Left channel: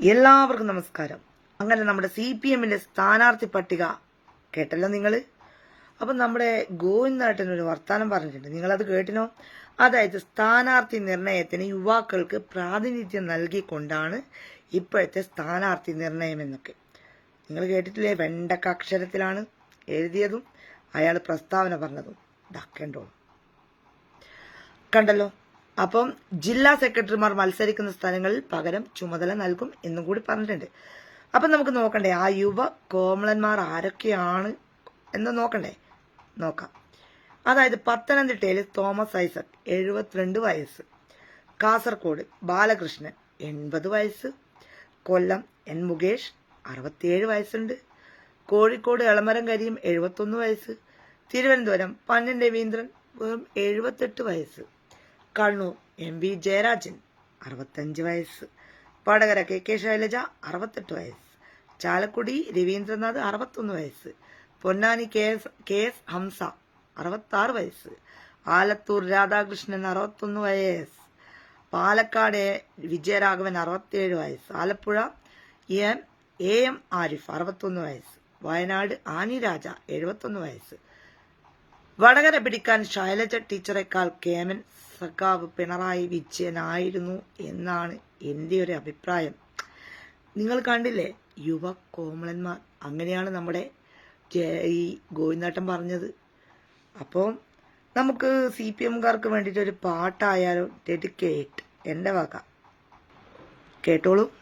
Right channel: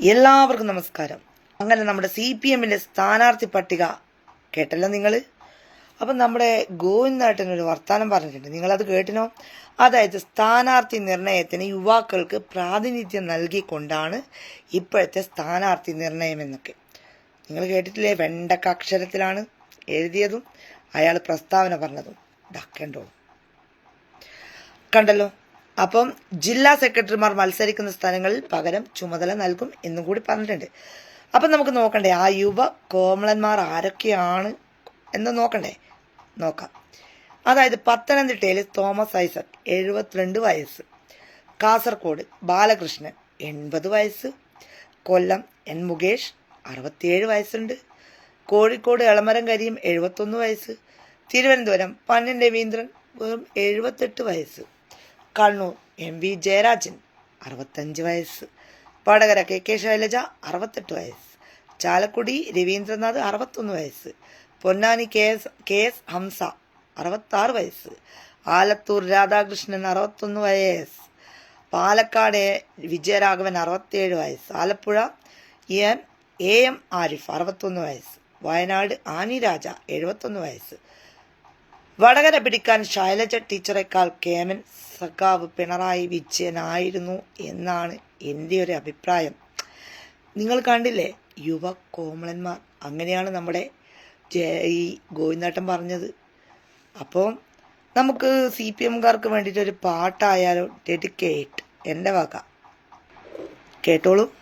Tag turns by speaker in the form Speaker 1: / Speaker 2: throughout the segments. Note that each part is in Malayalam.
Speaker 1: എല്ലാവർക്കും നമസ്കാരം. അങ്ങനെ നമ്മുടെ സി പി എമ്മിന്റെ സ്ഥാനാർത്ഥി പട്ടിക കേട്ടല്ലോ നിങ്ങൾ അപ്പം നമ്മുടെ ഗോവിന്ദേട്ടൻ ഒരു വർത്തമാനം പറഞ്ഞിട്ടുണ്ട്. അത് കേട്ടിനോ? അതായത് സ്ഥാനാർത്ഥി നിർണയത്തിന് യുവാക്കൾക്ക് പ്രാതിനിധ്യം നൽകിക്കൊണ്ടാണ് ഇപ്പോഴത്തെ സ്ഥാനാർത്ഥി നിർണയം എന്നൊക്കെ. നിങ്ങൾ കേട്ടിട്ടില്ലേ? വെണ്ടക്ക അക്ഷരത്തിലാണ് എഴുതിയതും. അയാൾ പ്രസ്താവന പറഞ്ഞതും. ഇതാക്കേണ്ടോളും കണ്ടല്ലോ? അപ്പം ജില്ലാ സെക്രട്ടറിമാർ മത്സരിക്കുന്ന സ്ഥലങ്ങളിൽ പകരം ചുമതല നൽകും എന്നും കൂടി പറഞ്ഞിട്ടുണ്ട്. അപ്പം നമുക്ക് നോക്കണ്ടേ ആ യുവ കോമളന്മാർ ആരൊക്കെയാണ് എന്ന് നോക്കണ്ടേ? നോക്കാം. അതായത് പത്തനംതിട്ടയിൽ തോമസ് ഐസക് എഴുപത്തിരണ്ട് വയസ്സ്. കാസർഗോഡ് ബാലകൃഷ്ണൻ എൺപത് വയസ്സ്. കൊല്ലം എൻ മുകേഷ് അറുപത്തിയേഴ് വയസ്സുണ്ട്. കോഴിക്കോട് എളമരം കരിയും എഴുപത്തൊന്ന് വയസ്സ്. തിരുവനന്തപുരം പന്നൻ രവീന്ദ്രൻ വെറും എഴുപത്തെട്ട് വയസ്സ്. കണ്ണൂർ എം വി ജയരാജൻ അറുപത്തഞ്ച് വയസ്സ്. വടകര കെ കെ ശൈലജ അറുപത്തെട്ട് വയസ്സ്. ചാലക്കുടി രവീന്ദ്രനാഥ് അറുപത്തൊന്ന് വയസ്സ്. Ponnani K S K S Hamsa അറുപത്താറ് വയസ്സ്. ആലത്തൂർ രാധാകൃഷ്ണൻ അറുപത്തൊന്ന് വയസ്സ്. പാലക്കാട് വിജയരാഘവൻ അറുപത്തിയേഴ് വയസ്സ്. Alappuzha M A M Arif അറുപത്തൊന്ന് വയസ്സ്. വയനാട് ആനി രാജ എഴുപത്തൊന്ന് വയസ്സ്. വടകര പിടിക്കാൻ ശൈലജ ടീച്ചറേക്കാൾ കേമൻ സഖാവ് പിണറായി വിജയനായിരുന്നു എന്നാണ് എന്റെ ഒരു അഭിപ്രായം. നിങ്ങൾ കണ്ടില്ലേ യുവ കോമളന്മാർ. അങ്ങനെയാണ് നമ്മുടെ ഈ ഗോവിന്ദേട്ടൻ പറഞ്ഞത്. അപ്പോൾ നമുക്ക് സി പി എംകാർക്ക് വേണ്ടിയിട്ടൊരു പാട്ടായാലോ ഡെഡിക്കേറ്റ്. എന്റെ വക. കേട്ടോളൂ.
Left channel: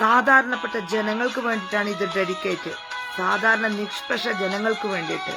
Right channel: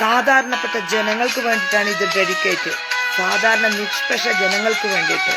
Speaker 1: സാധാരണപ്പെട്ട ജനങ്ങൾക്ക് വേണ്ടിയിട്ടാണ് ഇത് ഡെഡിക്കേറ്റ് സാധാരണ നിഷ്പക്ഷ ജനങ്ങൾക്ക് വേണ്ടിയിട്ട്.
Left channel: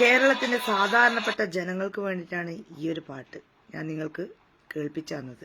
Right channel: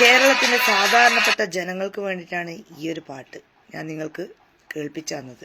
Speaker 1: കേരളത്തിന്റെ സാധാരണപ്പെട്ട ജനങ്ങൾക്ക് വേണ്ടിയിട്ടാണ് ഈ ഒരു പാട്ട് ഞാൻ നിങ്ങൾക്ക് കേൾപ്പിച്ചു തന്നത്.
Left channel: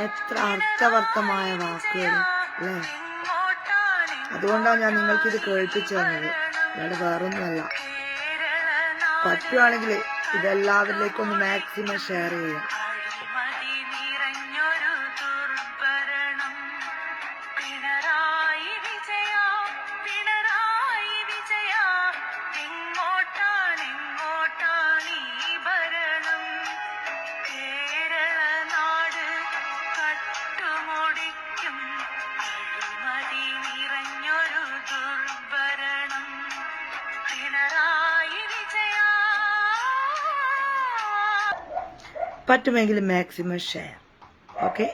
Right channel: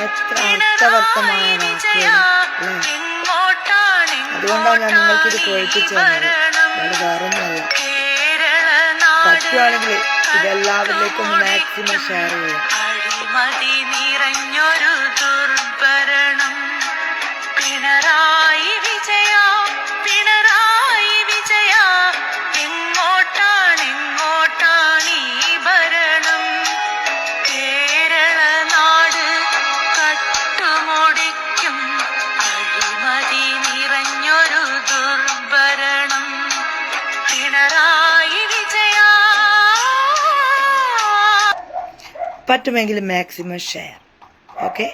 Speaker 1: എത്ര അർത്ഥവർത്തമായ വാക്കുകൾ അല്ലെ? അതുകൊണ്ടാണ് ഞാൻ നിങ്ങൾക്ക് ഇത് കേൾപ്പിച്ചു തന്നത്. ഞാൻ വേറൊന്നുമല്ല. പറ്റുവാണെങ്കിൽ ഇതെല്ലാവരിലേക്കും മാക്സിമം ഷെയർ ചെയ്യാം പറ്റുമെങ്കിൽ മാക്സിമം ഷെയർ ഓക്കെ